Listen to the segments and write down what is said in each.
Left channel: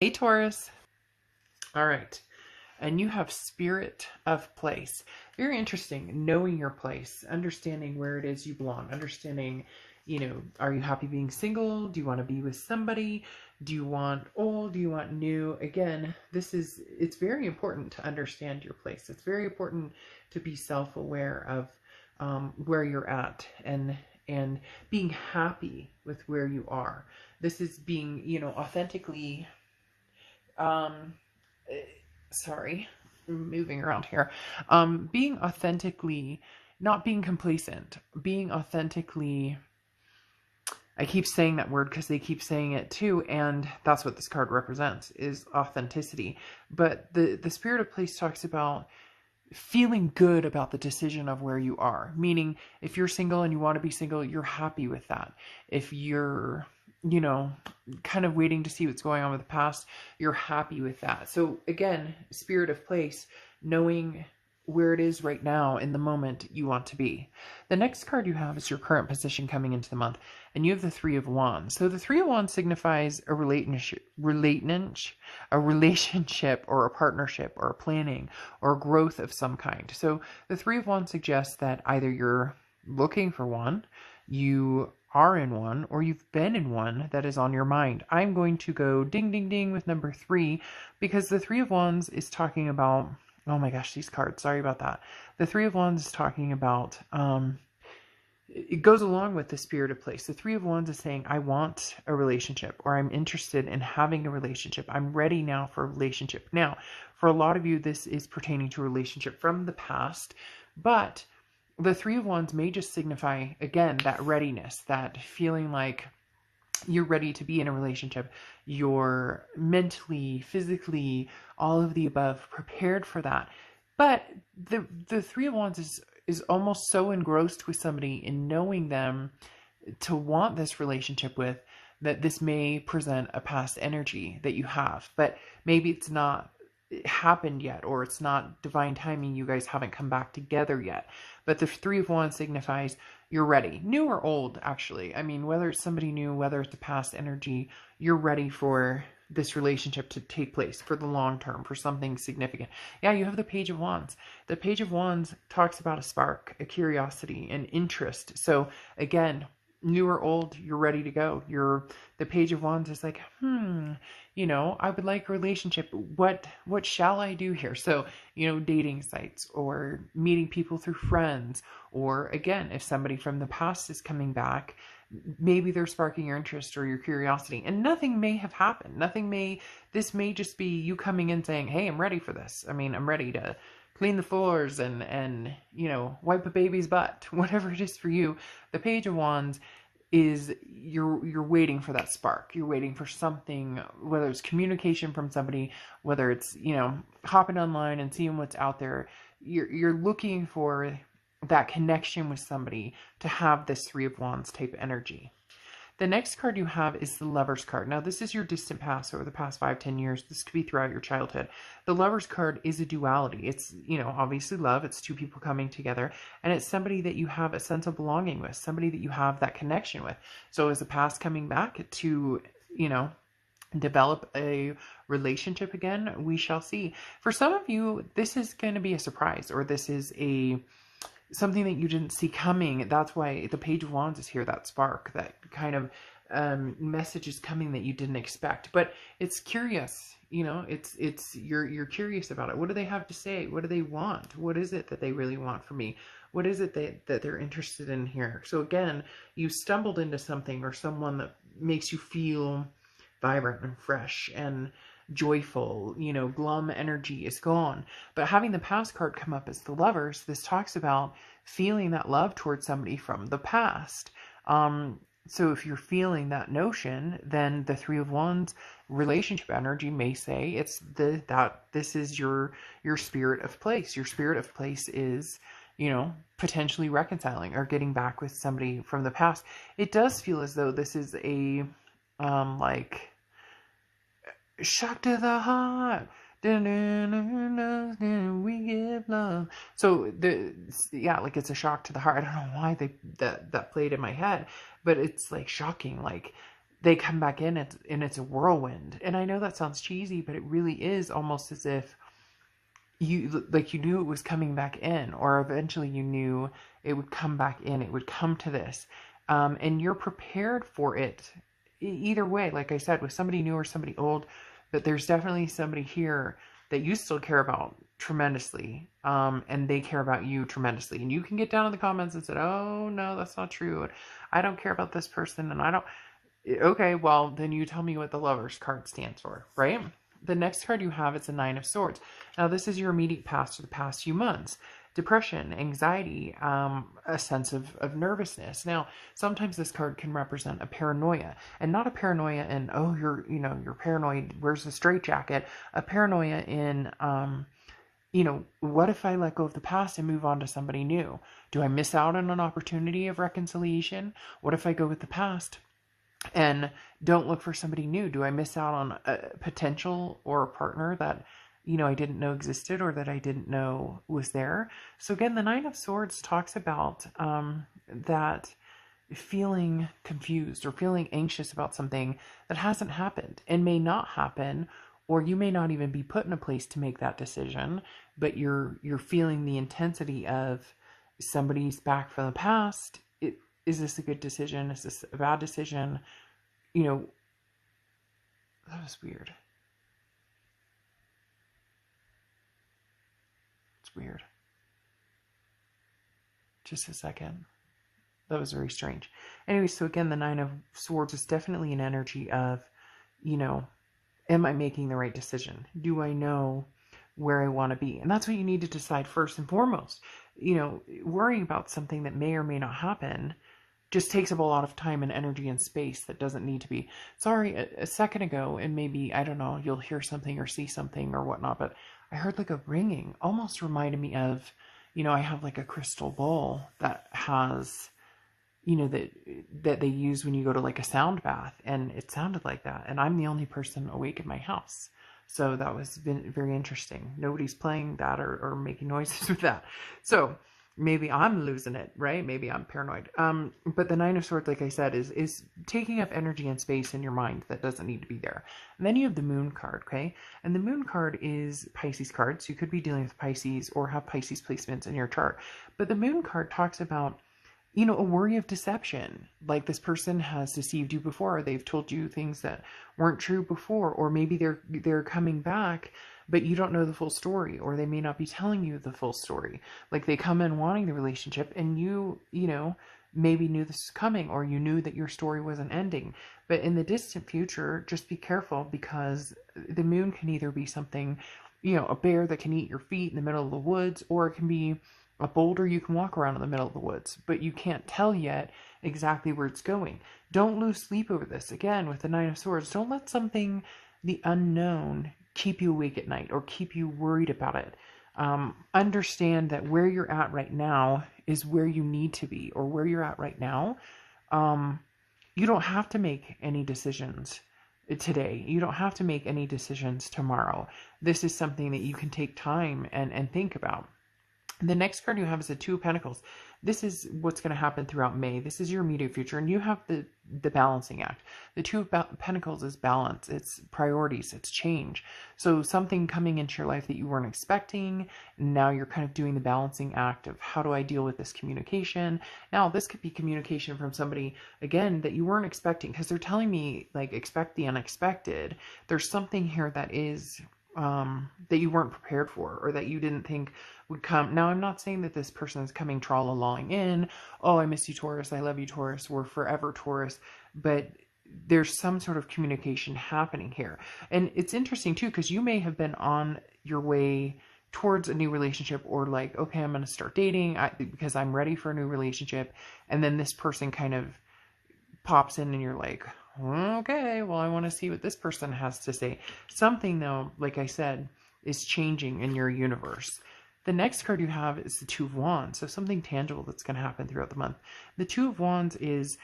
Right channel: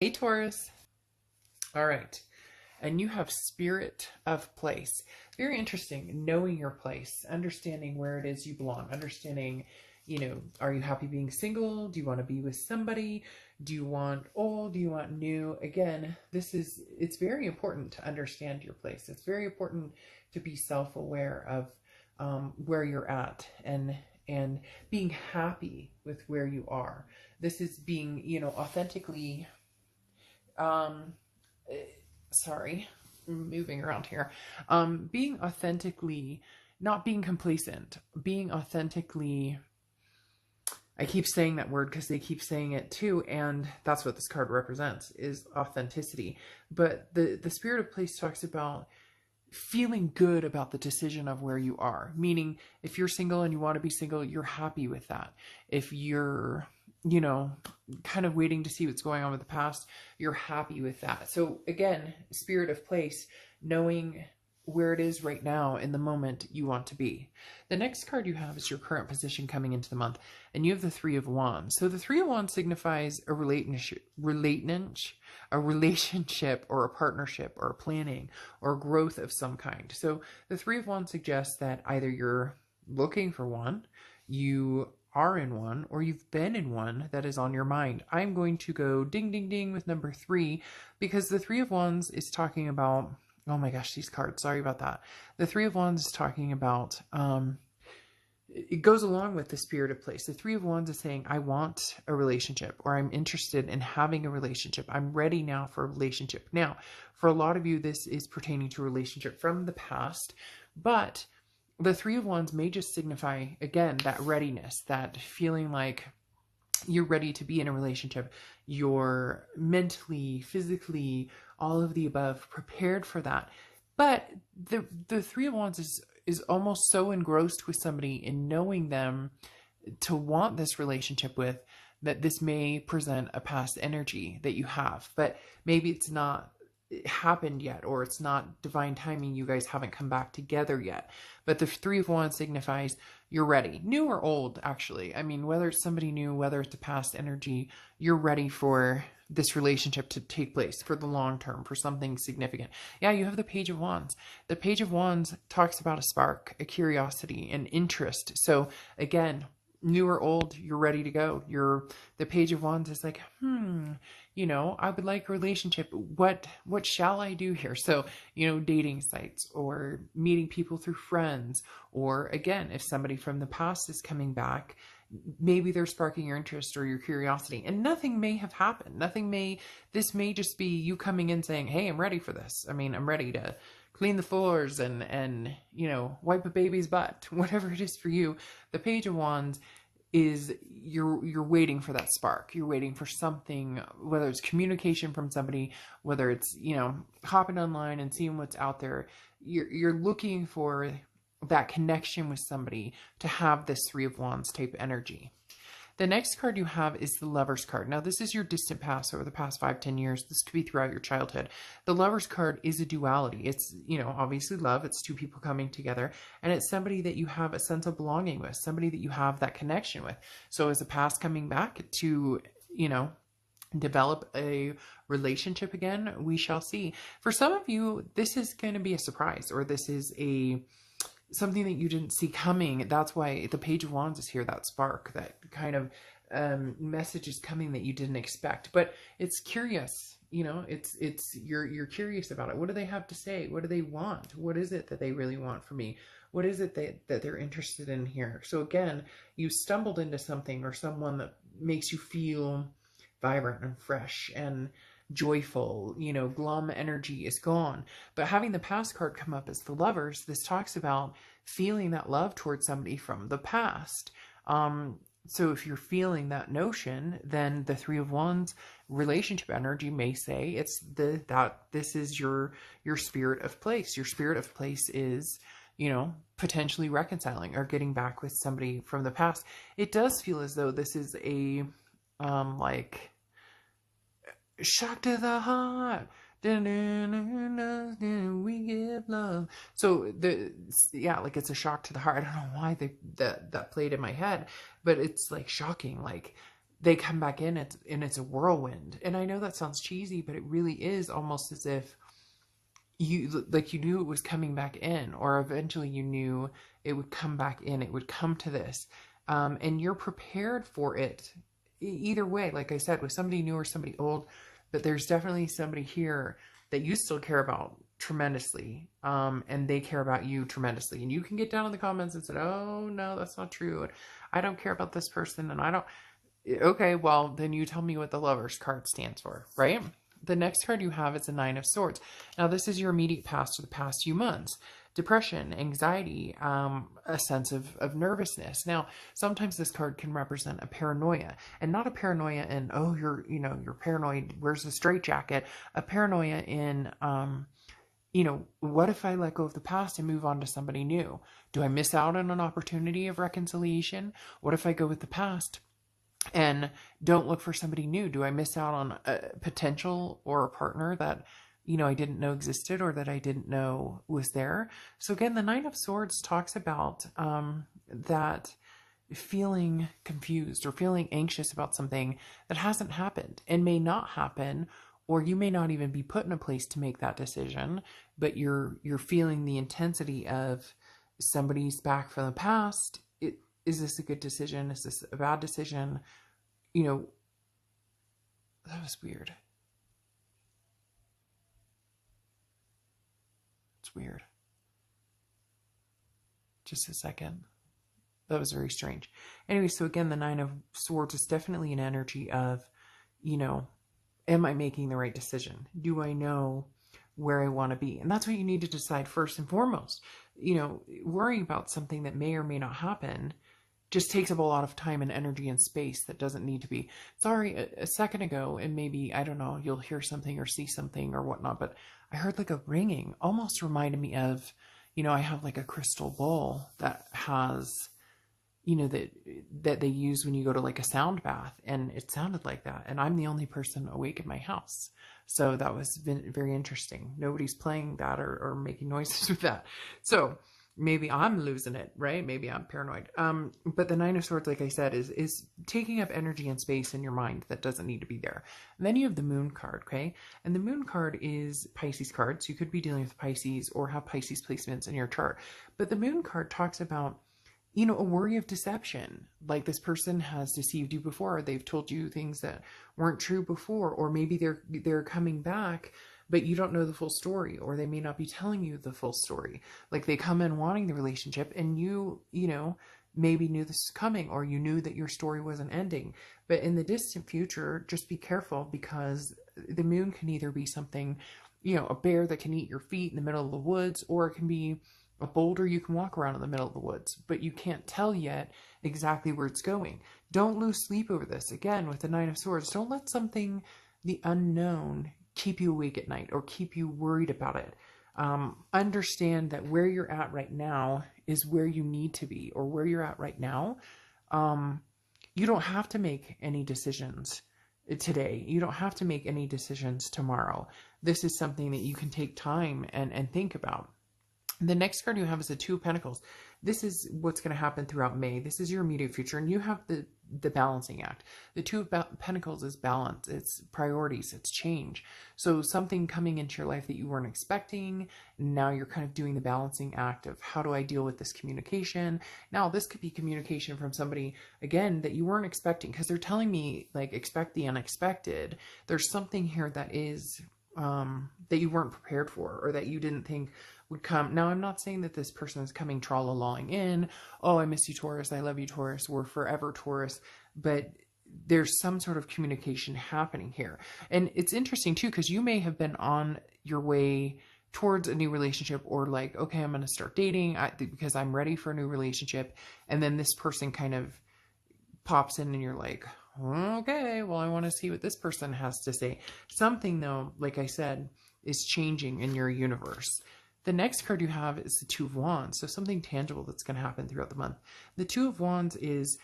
Hey, Taurus. All right. And you have spirit of place. Very interesting. Knowing your place, understanding where it is you belong, understanding, are you happy being single? Do you want to be with somebody? Do you want old? Do you want new? Again, it's very important to understand your place. It's very important to be self aware of where you're at and being happy with where you are. This is being, authentically um eh, sorry, I'm moving around here. Being authentically, not being complacent, being authentically, I keep saying that word because they keep saying it too, and that's what this card represents, is authenticity. But the spirit of place talks about feeling good about the decision of where you are. Meaning, if you're single and you want to be single, you're happy with that. If you're, you know, kind of waiting to see what's going on with the past, you're happy with that. So, again, spirit of place, knowing where it is right now in the moment you want to be. The next card you have is your current position coming into the month, and you have the Three of Wands. So the Three of Wands signifies a relationship or a partnership or a planning or growth of some kind. So the Three of Wands suggests that either you're looking for one, you are in one, or you've been in one that is on your mind. I'm going to go ding, ding, ding with number 3 because the Three of Wands is talking about, oh my gosh, these cards, sorry about that. The Three of Wands is talking about, it goes along with the spirit of place. The Three of Wands is saying, I want a relationship, or I'm interested in having a relationship. I'm ready now for a relationship. Now, for a lot of you, this is pertaining to a relationship from the past, but the Three of Wands may just signify, again, that readiness, that feeling like you're ready to be in a relationship. You're mentally, physically, all of the above prepared for that. But the Three of Wands is almost so engrossed with somebody in knowing them to want this relationship with, that this may present a past energy that you have, but maybe it's not happened yet, or it's not divine timing. You guys haven't come back together yet. But the Three of Wands signifies you're ready, new or old, actually. I mean, whether it's somebody new, whether it's a past energy, you're ready for this relationship to take place for the long term, for something significant. Yeah, you have the Page of Wands. The Page of Wands talks about a spark, a curiosity, an interest. So again, new or old, you're ready to go. The Page of Wands is like, I would like a relationship. What shall I do here? So, dating sites or meeting people through friends, or again, if somebody from the past is coming back, maybe they're sparking your interest or your curiosity, and nothing may have happened. This may just be you coming in saying, hey, I'm ready for this. I mean, I'm ready to clean the floors and wipe a baby's butt, whatever it is for you. The Page of Wands is you're waiting for that spark. You're waiting for something, whether it's communication from somebody, whether it's hopping online and seeing what's out there. You're looking for that connection with somebody to have this Three of Wands type energy. The next card you have is the Lover's card. Now, this is your distant past, or the past 5-10 years. This could be throughout your childhood. The Lover's card is a duality. It's, obviously love. It's two people coming together. And it's somebody that you have a sense of belonging with, somebody that you have that connection with. So is the past coming back to, develop a relationship again? We shall see. For some of you, this is going to be a surprise, or this is something that you didn't see coming. That's why the Page of Wands is here, that spark, that kind of message is coming that you didn't expect. But it's curious, it's you're curious about it. What do they have to say? What do they want? What is it that they really want from me? What is it that they're interested in here? So again, you stumbled into something or someone that makes you feel vibrant and fresh and joyful. Glum energy is gone. But having the past card come up as the Lovers, this talks about feeling that love towards somebody from the past. So if you're feeling that notion, then the Three of Wands relationship energy may say that this is your spirit of place. Your spirit of place is, potentially reconciling or getting back with somebody from the past. It does feel as though this is a like shock to the heart. We get love. So like it's a shock to the heart. I don't know why that played in my head, but it's like shocking. Like they come back in and it's a whirlwind. And I know that sounds cheesy, but it really is almost as if you knew it was coming back in, or eventually you knew it would come back in, it would come to this, and you're prepared for it either way. Like I said, with somebody new or somebody old, but there's definitely somebody here that you still care about tremendously, and they care about you tremendously. And you can get down in the comments and say, oh no, that's not true, and I don't care about this person, and I don't. Okay, well then you tell me what the Lovers card stands for, right? The next card you have is the Nine of Swords. Now, this is your immediate past or the past few months. Depression, anxiety, a sense of nervousness. Now, sometimes this card can represent a paranoia, and not a paranoia in, oh, you're paranoid, where's the straitjacket? A paranoia in, what if I let go of the past and move on to somebody new? Do I miss out on an opportunity of reconciliation? What if I go with the past and don't look for somebody new? Do I miss out on a potential or a partner that, I didn't know existed, or that I didn't know was there? So again, the Nine of Swords talks about that feeling confused or feeling anxious about something that hasn't happened and may not happen, or you may not even be put in a place to make that decision, but you're feeling the intensity of somebody's back from the past. Is this a good decision? Is this a bad decision? That was weird. It's weird. Just a second. That was very strange. Anyway, so again, the Nine of Swords is definitely an energy of, am I making the right decision? Do I know where I want to be? And that's what you need to decide first and foremost. Worrying about something that may or may not happen just takes up a lot of time and energy and space that doesn't need to be. Sorry, a second ago, and maybe, I don't know, you'll hear something or see something or whatnot, but I heard like a ringing. Almost reminded me of, I have like a crystal bowl that has, that they use when you go to like a sound bath, and it sounded like that. And I'm the only person awake in my house. So that was very interesting. Nobody's playing that or making noises with that. So maybe I'm losing it, right? Maybe I'm paranoid. But the Nine of Swords, like I said, is taking up energy and space in your mind that doesn't need to be there. And then you have the Moon card, okay? And the Moon card is Pisces card, so you could be dealing with Pisces or have Pisces placements in your chart. But the Moon card talks about, a worry of deception. Like this person has deceived you before. They've told you things that weren't true before, or maybe they're coming back, but you don't know the full story, or they may not be telling you the full story. Like they come in wanting the relationship, and you maybe knew this was coming, or you knew that your story wasn't ending. But in the distant future, just be careful, because the moon can either be something, a bear that can eat your feet in the middle of the woods, or it can be a boulder you can walk around in the middle of the woods, but you can't tell yet exactly where it's going. Don't lose sleep over this. Again, with the Nine of Swords, don't let something, the unknown, keep you awake at night or keep you worried about it. Understand that where you're at right now is where you need to be, or where you're at right now. You don't have to make any decisions today. You don't have to make any decisions tomorrow. This is something that you can take time and think about. The next card you have is the Two of Pentacles. This is what's going to happen throughout May. This is your immediate future, and you have the balancing act. The Two of Pentacles is balance. It's priorities. It's change. So something coming into your life that you weren't expecting. Now you're kind of doing the balancing act of, how do I deal with this communication? Now this could be communication from somebody, again, that you weren't expecting, because they're telling me, like, expect the unexpected. There's something here that is that you weren't prepared for, or that you didn't think would come. Now, I'm not saying that this person is coming tra-la-laing in, oh, I miss you, Taurus, I love you, Taurus, we're forever, Taurus, but there's some sort of communication happening here. And it's interesting, too, because you may have been on your way towards a new relationship, or like, okay, I'm going to start dating because I'm ready for a new relationship, and then this person kind of pops in and you're like, okay, well, I want to see what this person has to say. Something, though, like I said, is changing in your universe. The next card you have is the Two of Wands. So something tangible that's going to happen throughout the month. The Two of Wands is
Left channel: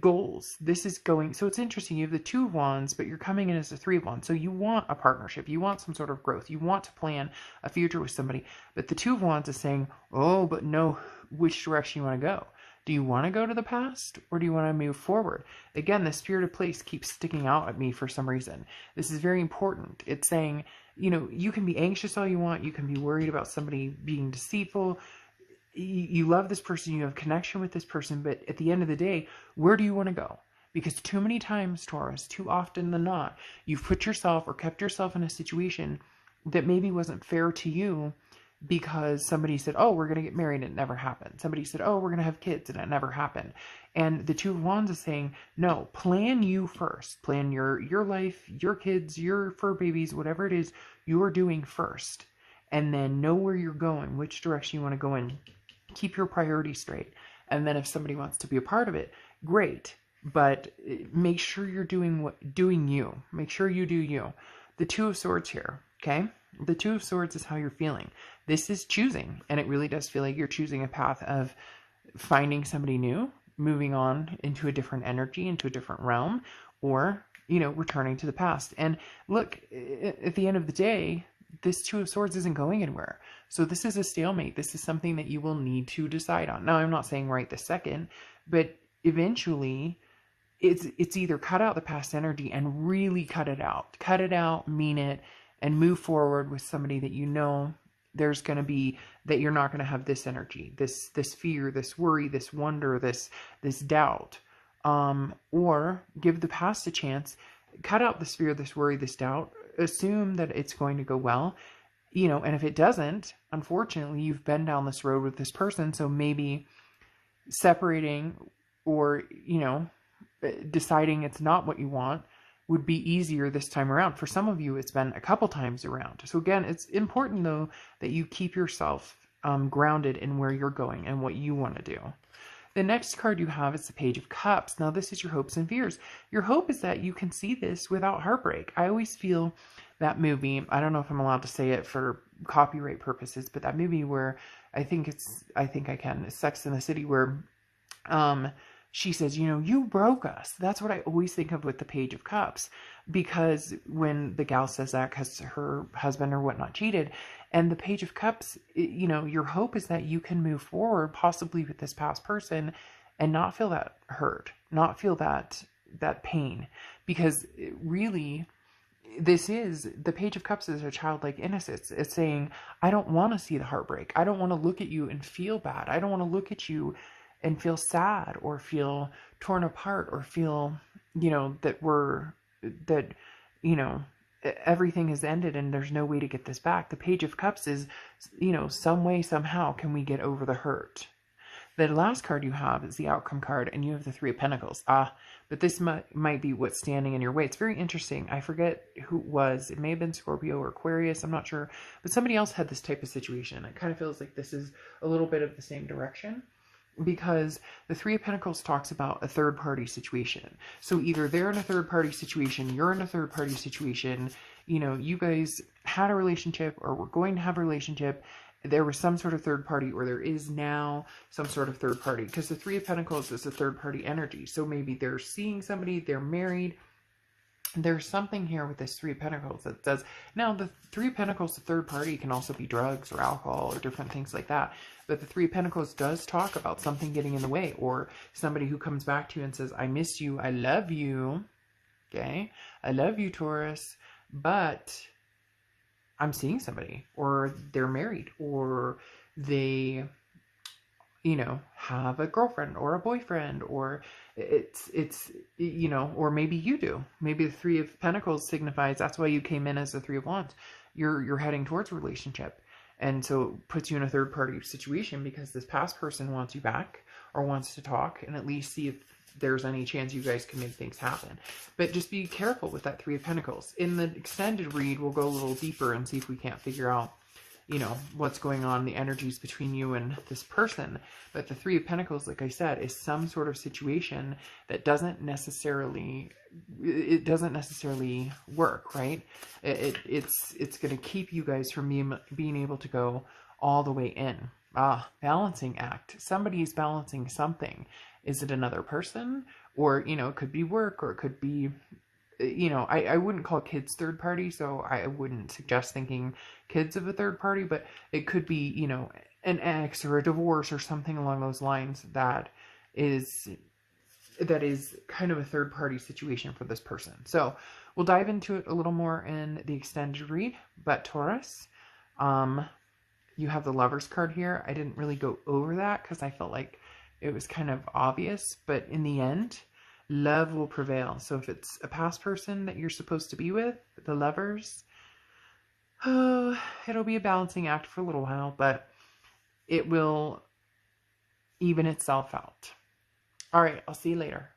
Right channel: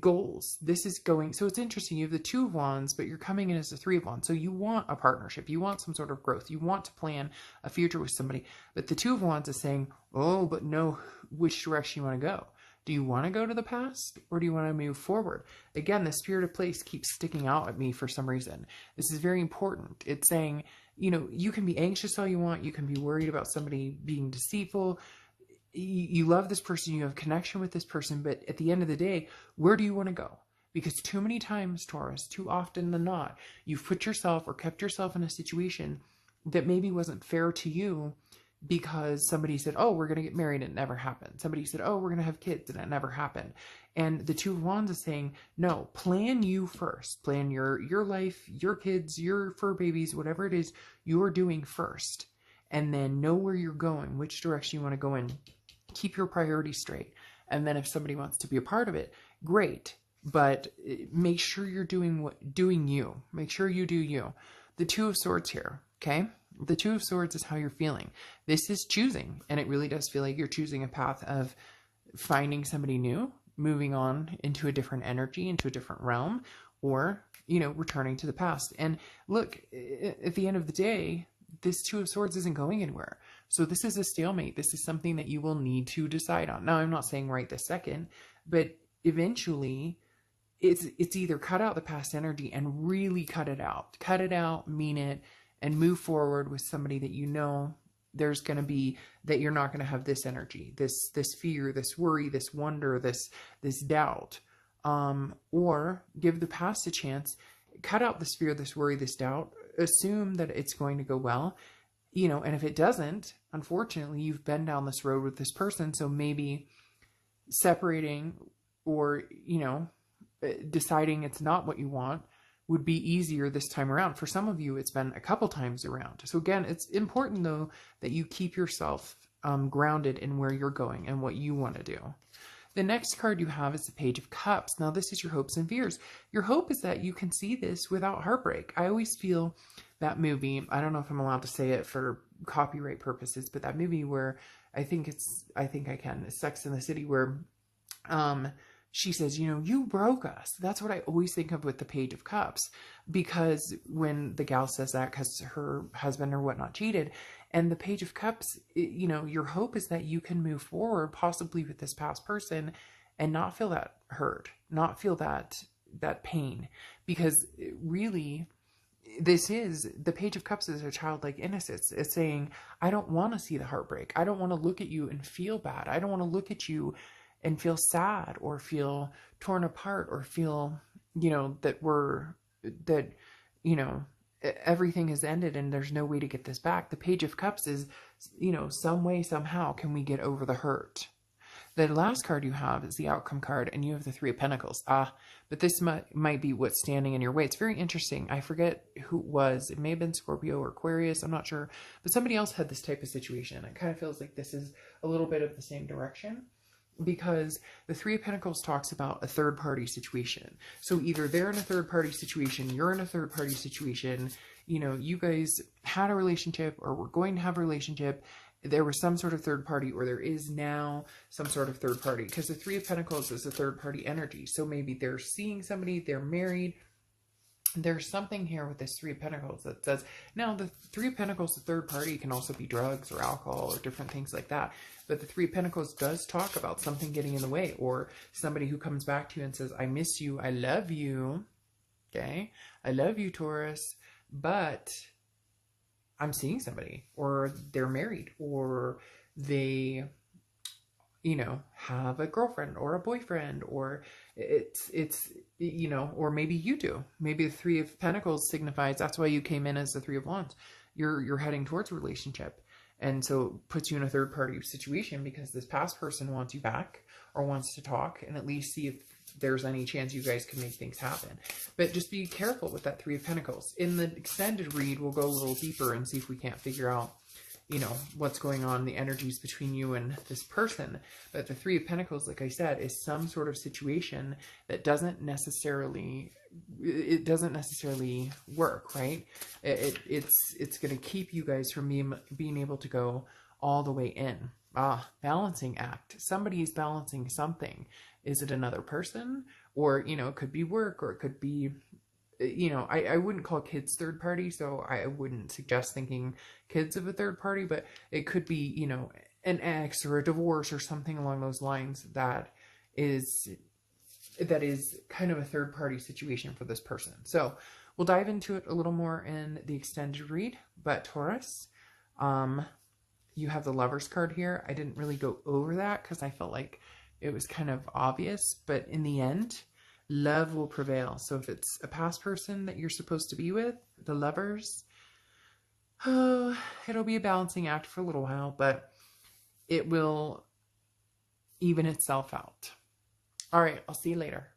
goals. This is going, so it's interesting. You have the Two of Wands, but you're coming in as the Three of Wands. So you want a partnership. You want some sort of growth. You want to plan a future with somebody. But the Two of Wands is saying, oh, but know which direction you want to go. Do you want to go to the past or do you want to move forward? Again, the spirit of place keeps sticking out at me for some reason. This is very important. It's saying, you can be anxious all you want. You can be worried about somebody being deceitful. You love this person. You have connection with this person. But at the end of the day, where do you want to go? Because too many times, Taurus, too often than not, you've put yourself or kept yourself in a situation that maybe wasn't fair to you because somebody said, oh, we're going to get married, and it never happened. Somebody said, oh, we're going to have kids, and it never happened. And the Two of Wands is saying, no, plan you first. Plan your life, your kids, your fur babies, whatever it is you're doing first. And then know where you're going, which direction you want to go in. Keep your priorities straight. And then if somebody wants to be a part of it, great. But make sure you're doing you. Make sure you do you. The Two of Swords here, okay? The Two of Swords is how you're feeling. This is choosing, and it really does feel like you're choosing a path of finding somebody new, moving on into a different energy, into a different realm, or, returning to the past. And look, at the end of the day, this Two of Swords isn't going anywhere. So this is a stalemate. This is something that you will need to decide on. Now, I'm not saying right this second, but eventually it's either cut out the past energy and really cut it out, mean it, and move forward with somebody that there's going to be, that you're not going to have this energy, this fear, this worry, this wonder, this doubt, or give the past a chance, cut out this fear, this worry, this doubt, assume that it's going to go well, and if it doesn't, unfortunately, you've been down this road with this person, so maybe separating or, deciding it's not what you want would be easier this time around. For some of you, it's been a couple times around. So again, it's important though that you keep yourself grounded in where you're going and what you want to do. The next card you have is the Page of Cups. Now this is your hopes and fears. Your hope is that you can see this without heartbreak. I always feel that movie, I don't know if I'm allowed to say it for copyright purposes, but that movie where I think I can, it's Sex in the City, where she says, you broke us. That's what I always think of with the Page of Cups, because when the gal says that because her husband or whatnot cheated, and the Page of Cups, your hope is that you can move forward possibly with this past person and not feel that hurt, not feel that pain, because really the Page of Cups is a childlike innocence. It's saying, I don't want to see the heartbreak. I don't want to look at you and feel bad. I don't want to look at you and feel sad or feel torn apart or feel, that everything is ended and there's no way to get this back. The Page of Cups is, some way, somehow can we get over the hurt. The last card you have is the Outcome card, and you have the Three of Pentacles. But this might be what's standing in your way. It's very interesting. I forget who it was. It may have been Scorpio or Aquarius. I'm not sure. But somebody else had this type of situation. It kind of feels like this is a little bit of the same direction, because the Three of Pentacles talks about a third-party situation. So either they're in a third-party situation, you're in a third-party situation, you guys had a relationship or were going to have a relationship, there was some sort of third party, or there is now some sort of third party, because the Three of Pentacles is a third-party energy. So maybe they're seeing somebody, they're married. There's something here with this Three of Pentacles that says, now the Three of Pentacles, the third party, can also be drugs or alcohol or different things like that. But the Three of Pentacles does talk about something getting in the way, or somebody who comes back to you and says, I miss you, I love you, okay? I love you, Taurus, but I'm seeing somebody, or they're married, or they, have a girlfriend or a boyfriend, or it's or maybe you do. Maybe the Three of Pentacles signifies that's why you came in as the Three of Wands. You're heading towards a relationship, and so it puts you in a third party situation because this past person wants you back or wants to talk and at least see if there's any chance you guys can make things happen. But just be careful with that Three of Pentacles. In the extended read, we'll go a little deeper and see if we can't figure out what's going on, the energies between you and this person. But the Three of Pentacles, like I said, is some sort of situation that doesn't necessarily work, right? It's going to keep you guys from being able to go all the way in. Balancing act. Somebody is balancing something. Is it another person? Or, it could be work, or it could be, I wouldn't call kids third party, so I wouldn't suggest thinking kids of a third party, but it could be, an ex or a divorce or something along those lines that is kind of a third party situation for this person. So we'll dive into it a little more in the extended read. But Taurus, you have the Lovers card here. I didn't really go over that because I felt like it was kind of obvious, but in the end, love will prevail. So if it's a past person that you're supposed to be with, the Lovers, oh, it'll be a balancing act for a little while, but it will even itself out. All right, I'll see you later.